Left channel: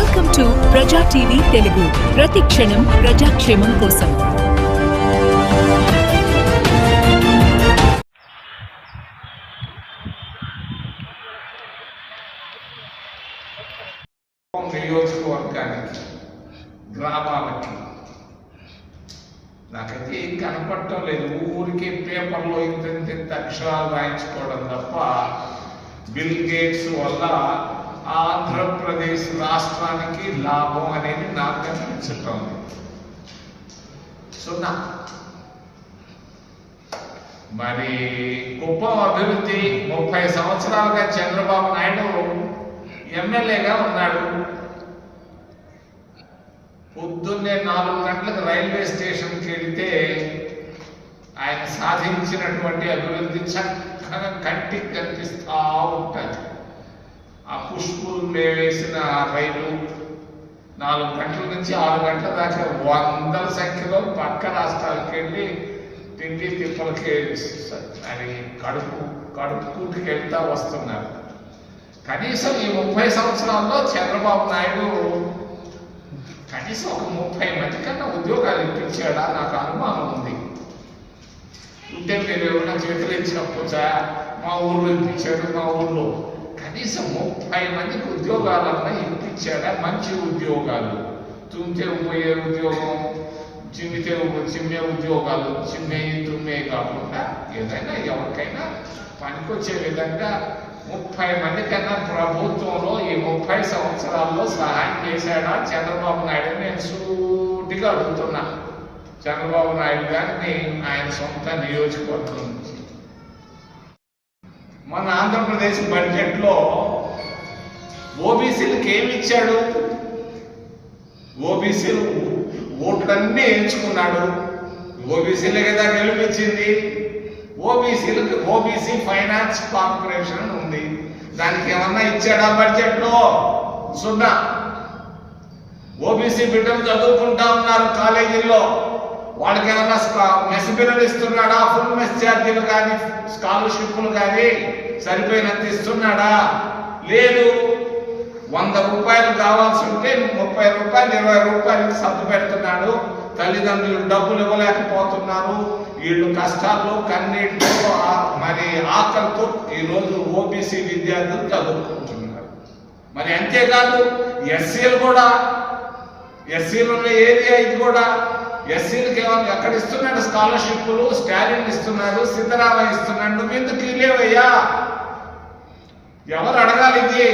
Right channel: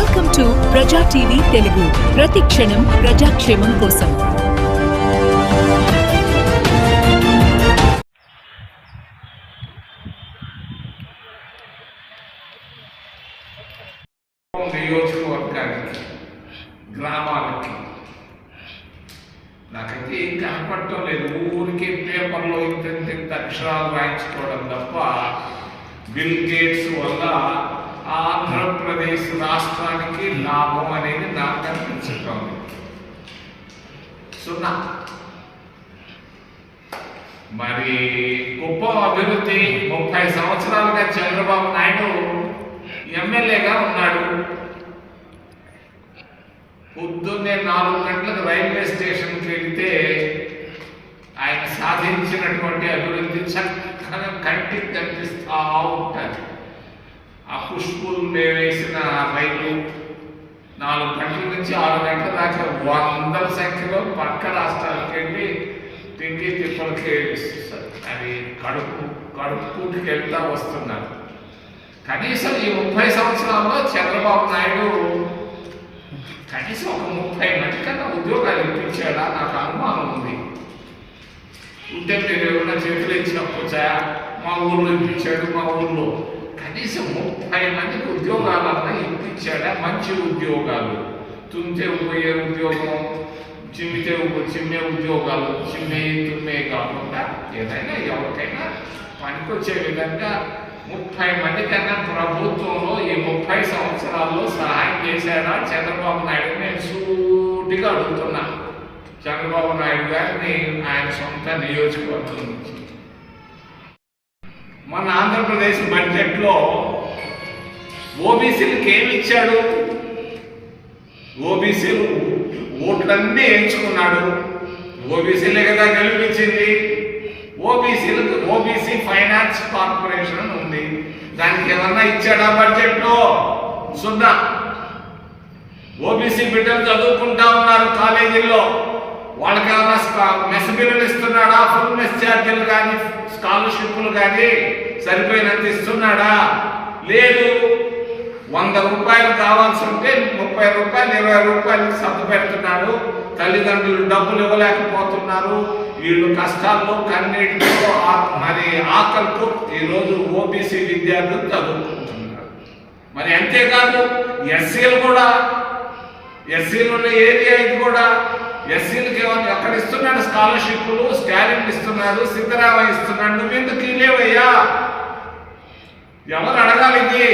Welcome to Praja TV Telugu ప్రతి క్షణం ప్రజాక్షేమం కోసం. నియోజకవర్గానికి గ్రామాలకి. నాకైతే ఏం కనపడటం లేదు. ఊరికే పేపర్లో ఇంత ఇంత ఇంత అక్షరాలు రాయించుకోవడం తప్ప బిల్ గేట్స్ వల్ల ఆంధ్రప్రదేశ్ రాష్ట్రానికి లాభం అనేది నాకు కనిపించటం సున్నా. మరి గొప్ప అభివృద్ధి ముప్పై సంవత్సరాలుగా చంద్రబాబు నాయుడు ఎమ్మెల్యేగా ఉన్నాడు. పొద్దున్నే నాలుగు గంటలకు రైల్వే స్టేషన్కి వెళ్తే ఆయన సాధించినటువంటి అభివృద్ధి చక్కగా కంటికి కనిపిస్తూ ఉంటుంది ఆ పుష్పులు వేసిన రైలు నాలుగు గంటల నుంచి ఆరు గంటల దాకా వందల సంఖ్యలో పక్క రాష్ట్రాలకు వెళ్ళి తిండి తిప్పలకి అవి కడుపు కడుపు వెళ్తా వస్తున్నారు. కనీసం ఈ ముప్పై సంవత్సరాల్లో చంద్రబాబు నాయుడు కనీసం ఒక ముప్పై మంది కన్నా ఉద్యోగాలు ఇప్పించాడా? నాకు అనుమానం ఉంది. ఉంటే మీరు ఏమైనా చేతులు ఇచ్చినప్పుచా మా ఊర్లో ఇప్పించాడు మా ఊర్లో. కనీసం ముప్పై మందికి ఉద్యోగాలన్నా ఇప్పించాడా మంచి ఉద్యోగాలు. తుంటే పోయే ఉద్యోగం చిమ్మితే చిమ్మే ఉద్యోగాలు చిమ్మే తుమ్మే కాకుండా ఏదైనా ఎవరికైనా పనికొచ్చే విధంగా ముప్పై మంది కన్నా ప్రభుత్వంలో ఈ ముప్పై సంవత్సరాల్లో సహాయం చేశాడా? చంద్రబాబు నాయుడు? నేను సూటిగా అడుగుతున్నా. చంద్రబాబు నాయుడు గారిని ఆయన సొంత నియోజకవర్గం నుంచి. మన ఆంధ్రప్రదేశ్ బడ్జెట్లో ఓబీసీలకు ఏమి ఇచ్చాడు ఓబీసీలు ఓట్లన్నీ ఎంచుకున్నాడు. ఓబీసీలే కదా గెలిపించింది. ఓబీసీలకు ఓబీసీ ఫైనాన్స్ కార్పొరేషన్ అని ఉంది. దానికి ఏమన్నా ఇచ్చాడా బడ్జెట్లో? సున్నా. ఓబీసీ బిడ్డలు చదువుకుంటా ఉన్నారు కాలేజీల్లో. వాళ్ళకి ఏమైనా మెస్ బిల్లులు ఇస్తున్నాడా? ఫుల్ మెస్ ఛార్జీలు కానీ స్కాలర్షిప్లు కానీ సరిపోయినంత ఇస్తున్నాడా? లేదు. వంద రూపాయలు కావాల్సి ఉంటే ముప్పై రూపాయలు ఇరవై రూపాయలకి సర్దు పెడుతున్నాడు. తల్లిదండ్రులు డబ్బులు ఇవ్వలేకపోతున్నారు. వీళ్ళు కష్టాల్లో కన్నీటితో ఆ- మరి ఆకలితో ఈరోజు ఓబీసీ విద్యార్థులు చదువుకుంటున్నారు. మరి అంతేకాదు ఎస్సీలు కూడా ఎస్సీలు ఉన్న ఏరియా ఇది కూడా ఎస్సీలకి కేవలం ఎక్కడ ఇస్తున్నాడు స్కాలర్షిప్లు స్టాలిన్ ఇస్తున్నాడు సీతారామయ్య ఇస్తున్నాడు నువ్వెందుకు ఇలేవయ్యా ఎవరు అడగాలి ఇది?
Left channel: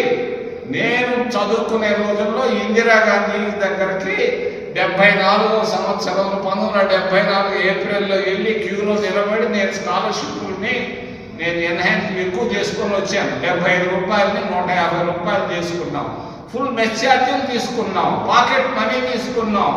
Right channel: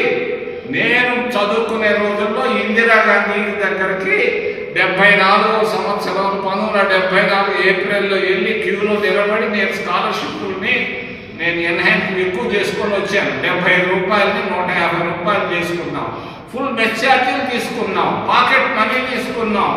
నేను చదువుకునే రోజుల్లో ఇందిరాగాంధీ దగ్గరికి డెబ్బై నాలుగో సంవత్సరం పంతొమ్మిది వందల డెబ్బై నాలుగు ఏప్రిల్లో వెళ్ళి క్యూలో నిలబడి నేను స్కాలర్షిప్ని నేను ఎన్హాన్స్ ఎక్కువ చేసుకొని వచ్చాను. డెబ్బై ఐదు రూపాయలని నూట యాభై రూపాయలు తీసుకున్నాం ఫుల్ మెచ్చార్జీలు తీసుకున్నాం. పాకెట్ మనీ తీసుకున్నాం.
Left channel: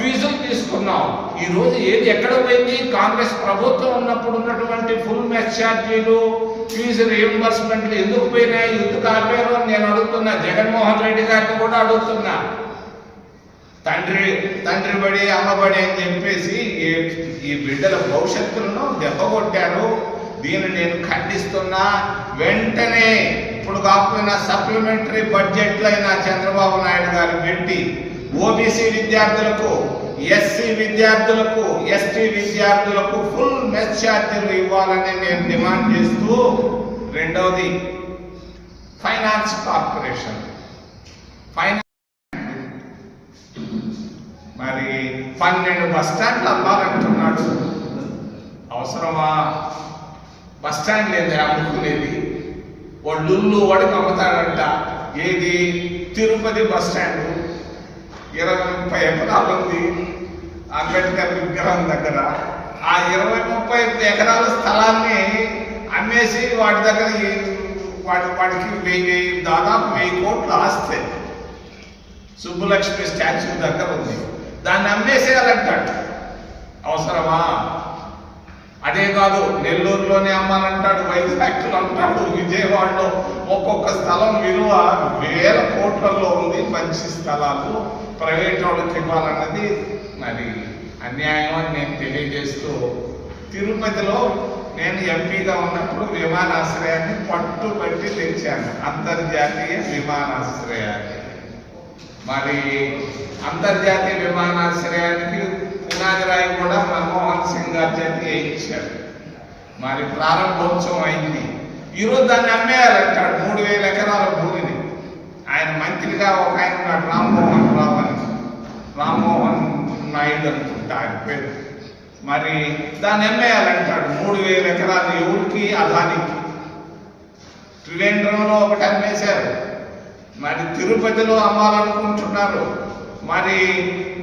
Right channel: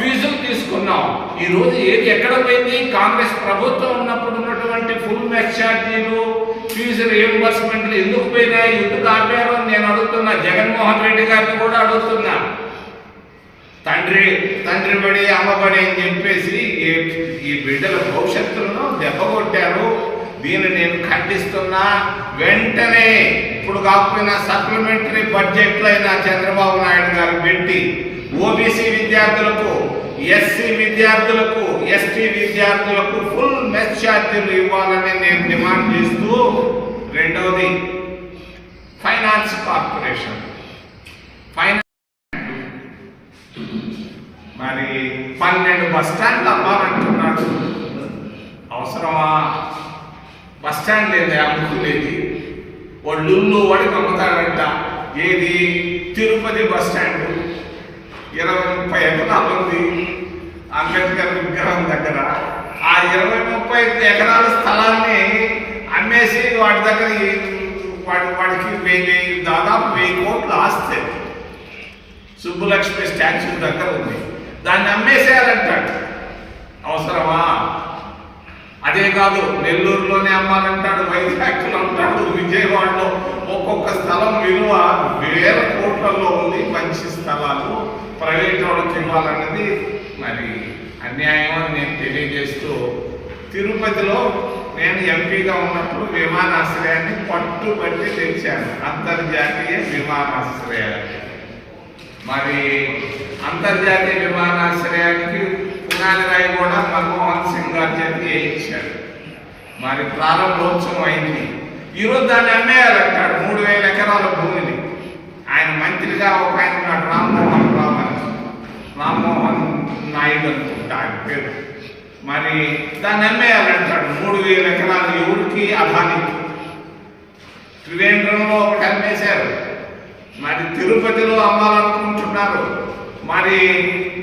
ఫీజులు తీసుకున్నాం. ఈ రోజు ఏది ఎక్కడ పోయింది? కాంగ్రెస్ ప్రభుత్వం ఉన్నప్పుడు ఉన్నటువంటి ఫుల్ మెచ్ ఛార్జీలు ఫీజు రియంబర్స్మెంట్లు ఎందుకు పోయినాయి? ఎందుకు ఆపారో అని నేను అడుగుతున్నా. జగన్మోహన్ రెడ్డి గారిని కూడా అడుగుతున్నా. తండ్రి తండ్రి బడి అమ్మబడి అని చెప్పేసి ఈ- ఈ బిడ్డల భవిష్యత్తులను దెబ్బకొట్టారు దీన్ని నేను ఖండిస్తున్నా వెంటనే ఇప్పుడు కాకపోయినా సప్లిమెంటరీ బడ్జెట్లు అయినా చంద్రబాబు నాయుడు గారు పెట్టి ఓబీసీ విద్యార్థులకు ఎస్సీ విద్యార్థులకు ఎస్టీ విద్యార్థులకు ఫుల్ మెస్ ఛార్జీలు ఇవ్వాలని నేను డిమాండ్ చేస్తూ రెండవది ఫైనాన్స్ కార్పొరేషన్. ఫైనాన్స్ మరి పన్నెండు బస్ స్టాండ్లు అమ్మాలంటున్నాడు అవసరమా? బస్ స్టాండ్ లేదు అమ్ముకునేది వాళ్ళు వాడికి అమ్ముతాడంట ఏది? Tirupati bus stand. ఇరవై ముప్పై ఎకరాలు ఉంది అంబేద్కర్ విగ్రహం దగ్గర. ఆ ఇరవై ముప్పై ఎకరాల స్థలాన్ని అమ్మేసి వాటి దగ్గర వాడి వాడికి వెయ్యి వెయ్యి దాదాపు వెయ్యి కోట్లు ఆస్తే. సుబ్బులక్ష్మి స్టాచ్యూ దగ్గర ఉంది. దాన్ని అమ్మేసేయాలంటాడు. అవసరమా? అదే కాదు నెల్లూరులోనే అమ్మాలంటాడు వైజాగ్లో అంటాడు విజయవాడలో ఒక్కొక్క స్థలం విలువ వేల కోట్లలో ఉంది. మంచి స్థలాలు ప్రైవేట్ వాళ్ళకి ఇవ్వాలన్నది మరి అన్యాయం అని నేను తెలియజేస్తూ తిరుపతిలో నేను ఎంపీగా ఉన్నప్పుడు విమానాశ్రయాన్ని పట్టుబట్టి తెచ్చాను. అంతర్జాతీయ విమానాశ్రయాన్ని. మరి అంతర్జాతీయ విమానాశ్రయానికి పునాది రాయి కూడా మన్మోహన్ సింగ్ గారి చేత వేయించాడు. మరి ప్రారంభోత్సవం అయింది. ఈరోజు దాన్ని అమ్మేయాలంటాడు మూడు వేల ఎకరాల భూమిని. ఆయన మంత్రిగా ఒక ఆయన ఉన్నాడు రామ్మోహన్ రావు అని. రామ్మోహన్ నాయుడు అనుకుంటా ఆయన పేరు. మరి దాన్ని అమ్మేయాలంటాడు మూడు వేల ఎకరాలు ఎవరికి అదానికి త్రివేంద్రంలో ఒకటి అమ్మేశారు. మరి తిరుపతిలో అమ్మాలనుకుంటున్నారు. మరి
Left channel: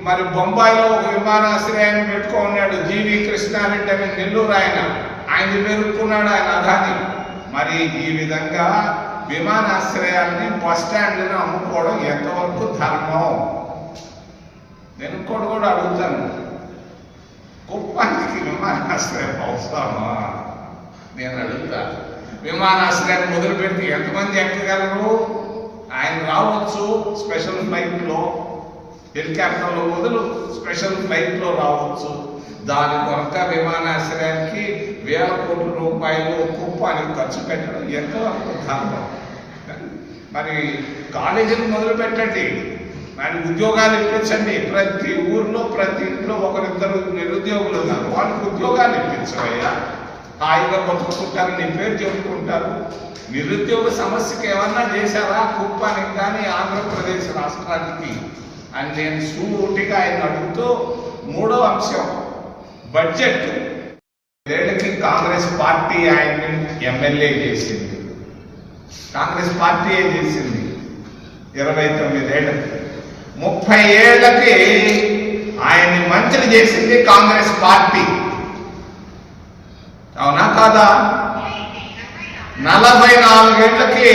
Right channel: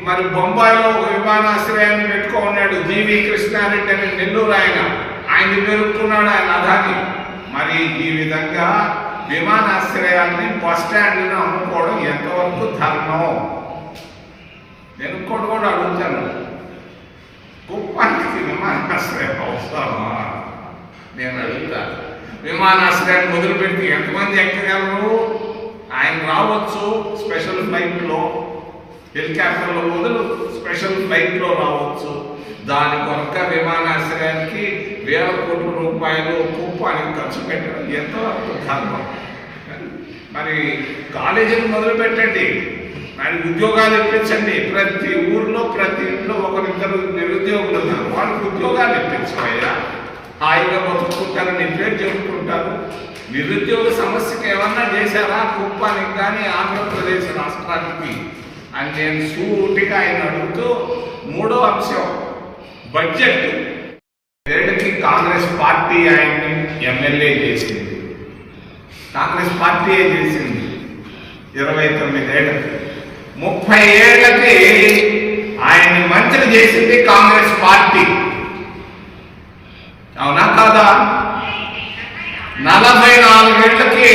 మరి బొంబాయిలో ఒక విమానాశ్రయాన్ని పెట్టుకున్నాడు జీవి కృష్ణారెడ్డి అని నెల్లూరు ఆయన. ఆయన పెరుగుతున్నాడు ఆయన అదాని మరి ఈ విధంగా విమానాశ్రయాన్ని బస్ స్టాండ్లను అమ్ముకోవడం ఎంతవరకు ధర్మం? నేను కూడా కూడా అడుగుతాను. కుప్పానికి విమానాశ్రయం అవసరమా? నేను అడుగుతా. విమానాశ్రయాన్ని మొదలు పెడితే ఎంతమంది ఎక్కగలరు? ఆయన రావచ్చు స్పెషల్ ఫ్లైట్లో. హెలికాప్టర్లో మొదలు స్పెషల్ ఫ్లైట్లో రావచ్చు. దాని కొరక విమానాశ్రయానికి వేల కోట్ల రూపాయలు కుప్పానికి ఖర్చు పెట్టడం. ఎంతవరకు ధర్మం మరి కాలేజీలు మొదలు పెట్టండి. మరి ఉద్యోగాలు ఇప్పించండి. ప్రతి ఊర్లో ప్రతి ఇంట్లో ఒకరిద్దరు నిరుద్యోగులు ఉన్నారు. వాళ్ళకి ఉద్యోగాలు ఇప్పించవయ్యా. హాయిగా బతుకుంటారు నీ పేరు చెప్పుకుంటారు. నిరుద్యోగ సమస్యకి ఏమన్నా చేశారా? కుప్పానికి కానీ ఆంధ్రప్రదేశ్ రాష్ట్రానికి. అని నేను సూటిగా ఆయన అడుగుతూ మూడో అంశం బడ్జెట్ ఏళ్ళకి కాంగ్రెస్ పార్టీ ఆయన్ని ఎమ్మెల్యే చేసింది కాంగ్రెస్ పార్టీ చేసింది? ఇరవై తొమ్మిదేళ్ళకి ముప్పై ఏళ్ళకి ఆయన్ని మంత్రి చేసింది కాంగ్రెస్ పార్టీ. అవునా కాదా? నలభై నాలుగేళ్ళకి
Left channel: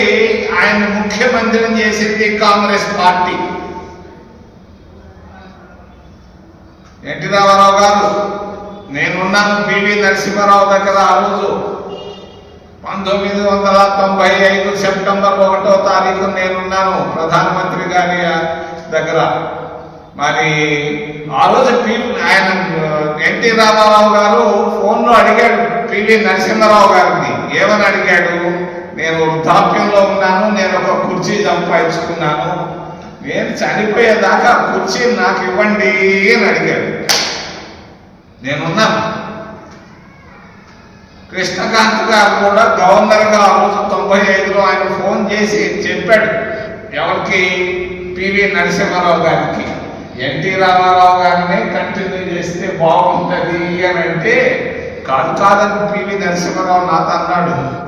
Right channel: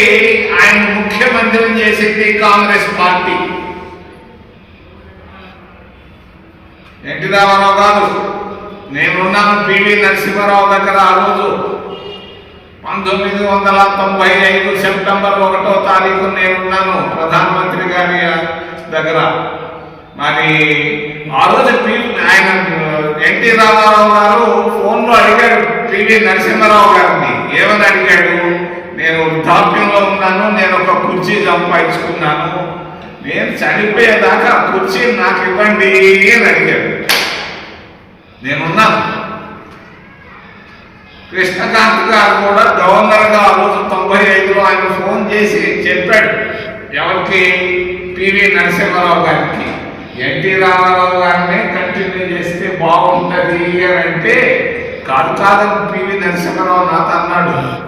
ఆయన ముఖ్యమంత్రిని చేసింది కాంగ్రెస్ పార్టీ. ఎన్టీ రామారావు గారు నేనున్నాను పివి నరసింహారావు దగ్గర ఆ రోజు పంతొమ్మిది వందల తొంభై ఐదు సెప్టెంబర్ ఒకటో తారీఖు నేనున్నాను ప్రధానమంత్రి గారి దగ్గర. మరి ఆ రోజు ఆయన ఎన్టీ రామారావు గారు ఫోన్లో అడిగాడు పివి. నరసింహారావు గారిని. ఏమని అడిగాడు? నేను వృద్ధాప్యంలో ఉన్నాను నేను ఒక కుర్చీ సంపాదించుకున్నాను. నేను చనిపోయేదాకా ఆ కుర్చీ నాకు ఇవ్వండి అని అడిగాడు. నేనున్నాను. కృష్ణకాంత్ గారు కూడా గవర్నర్గా ఆ రోజు తొంభై ఐదులో ఆయన ఫోన్ చేసి చెప్పాడు. ఎవరికి? పివి నరసింహారావు గారికి. ఎన్టీ రామారావు గారిని కంటిన్యూ చేస్తే బాగుంటుంది అని అంటే కాదు కాదని పివి నరసింహారావు నాతో అన్నాడు.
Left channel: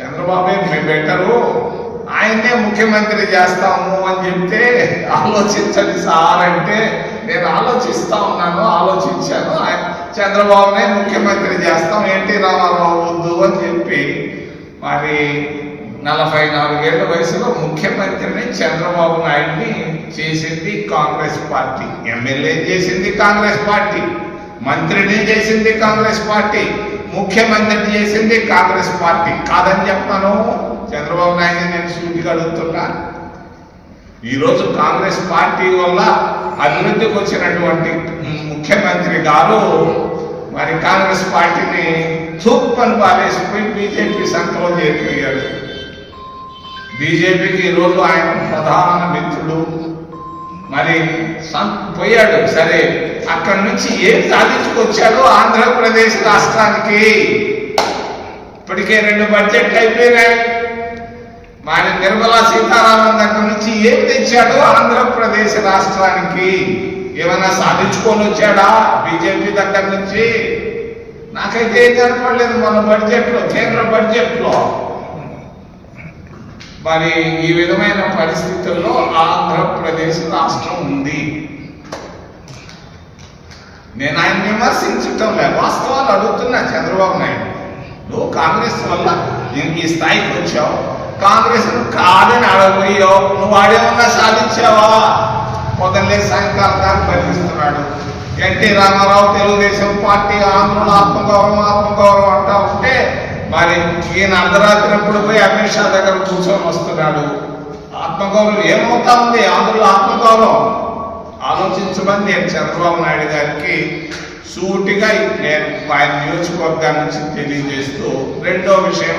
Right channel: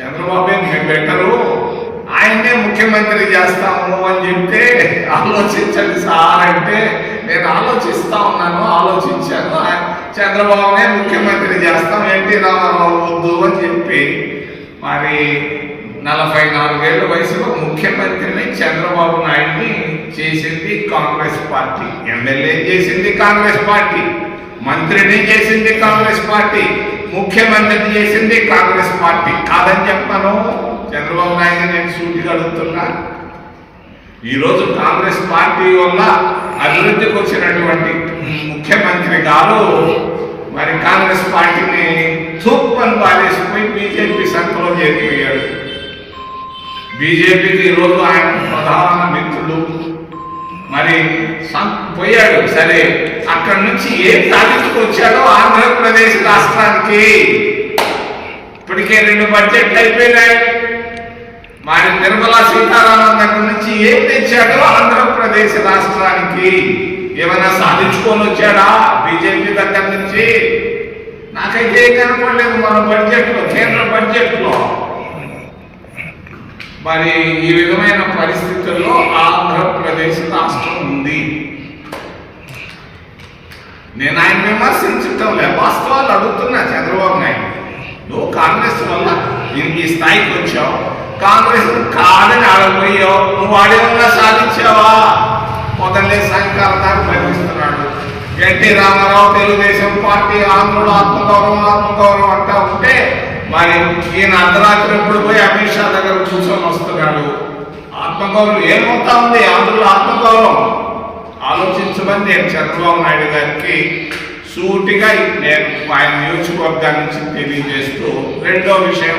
చంద్రబాబు నేను బెటరు. ఆయన్నే ముఖ్యమంత్రి చేస్తాము అని చెప్తే ఆలోచించండి సార్ అంటే నేను ఆలోచిస్తా ఉన్నాను ఆలోచించాను. చంద్రబాబునే ముఖ్యమంత్రి చేస్తాం ఎన్టీ రామారావు వద్దు అని చెప్పి మరి నలభై నాలుగేళ్ళ వయసులో ముఖ్యమంత్రిని చంద్రబాబు నాయుడిని చేసింది కాంగ్రెస్ పార్టీ. ఎమ్మెల్యే చేసింది కాంగ్రెస్ పార్టీ. మంత్రిని చేసింది కాంగ్రెస్ పార్టీ ముఖ్యమంత్రిని చేసింది కాంగ్రెస్ పార్టీ. కాదని చెప్పను. చంద్రబాబు నాయుడు నేను సూటిగా అడుగుతున్నా ఈరోజు కాంగ్రెస్ పార్టీ వల్ల అభివృద్ధికి వచ్చినటువంటి ముఖ్యమంత్రి గారు మరి కాంగ్రెస్ పార్టీని చూపని పారేసిపోయి బీజేపీ సంతలో చేరిపోయాడు. బీజేపీకి ఈరోజు ఆయన ప్రధాన మిత్రుడు. మరి సం- పోయాడు. సరే అక్కడి నుంచి ఏం సాధించుకొచ్చాడో ఆంధ్రప్రదేశ్ రాష్ట్రానికి? ఇప్పటికే రెండు బడ్జెట్లు అయిపోయినాయి. మరి నిర్మలా సీతారామన్ దగ్గర నుంచి ఏం తెచ్చాడో ఆంధ్రప్రదేశ్ రాష్ట్రానికి? ఏమైనా సాధించుకొని వచ్చాడా బీజేపీ దగ్గర నుంచి? నాకైతే ఏం కనపడలేదు మన బడ్జెట్లో కేంద్ర బడ్జెట్లో మరి ఈ విధమైన పరిస్థితుల్లో ఆంధ్రప్రదేశ్ రాష్ట్రం ఉంది. నేను ఆయన విమర్శించటం లే వాస్తవాలు అడుగుతున్నా చంద్రబాబు నాయుడు. నువ్వు కాంగ్రెస్ వల్ల ఈ- ఈ స్థాయికి వచ్చావు. కాంగ్రెస్ కాదని ఆడపోయావు నువ్వు ఆడేమన్నా సాధించావా? పొద్దున్నే సాయంకాలం దాకా భరిస్తున్నాడు. N T Ramarao Telugu Desam party ఆంధ్రుడు ఆత్మగౌరవం ఆత్మగౌరవం అంటా ఉంటే మరి ఈయన అర్ధరాత్రి ఎప్పుడు పోయి అమిత్ షా దగ్గర కూర్చొని వస్తున్నాడు. ఆత్మగౌరవం ఏమవుతా ఉంది? ఆంధ్రుల ఆత్మగౌరవం. ఆలోచించమని నేను చంద్రబాబు నాయుడు గారికి సూటిగా నేను ఆయన నియోజకవర్గాన్ని నుంచి తెలియజేస్తూ రెండో విషయం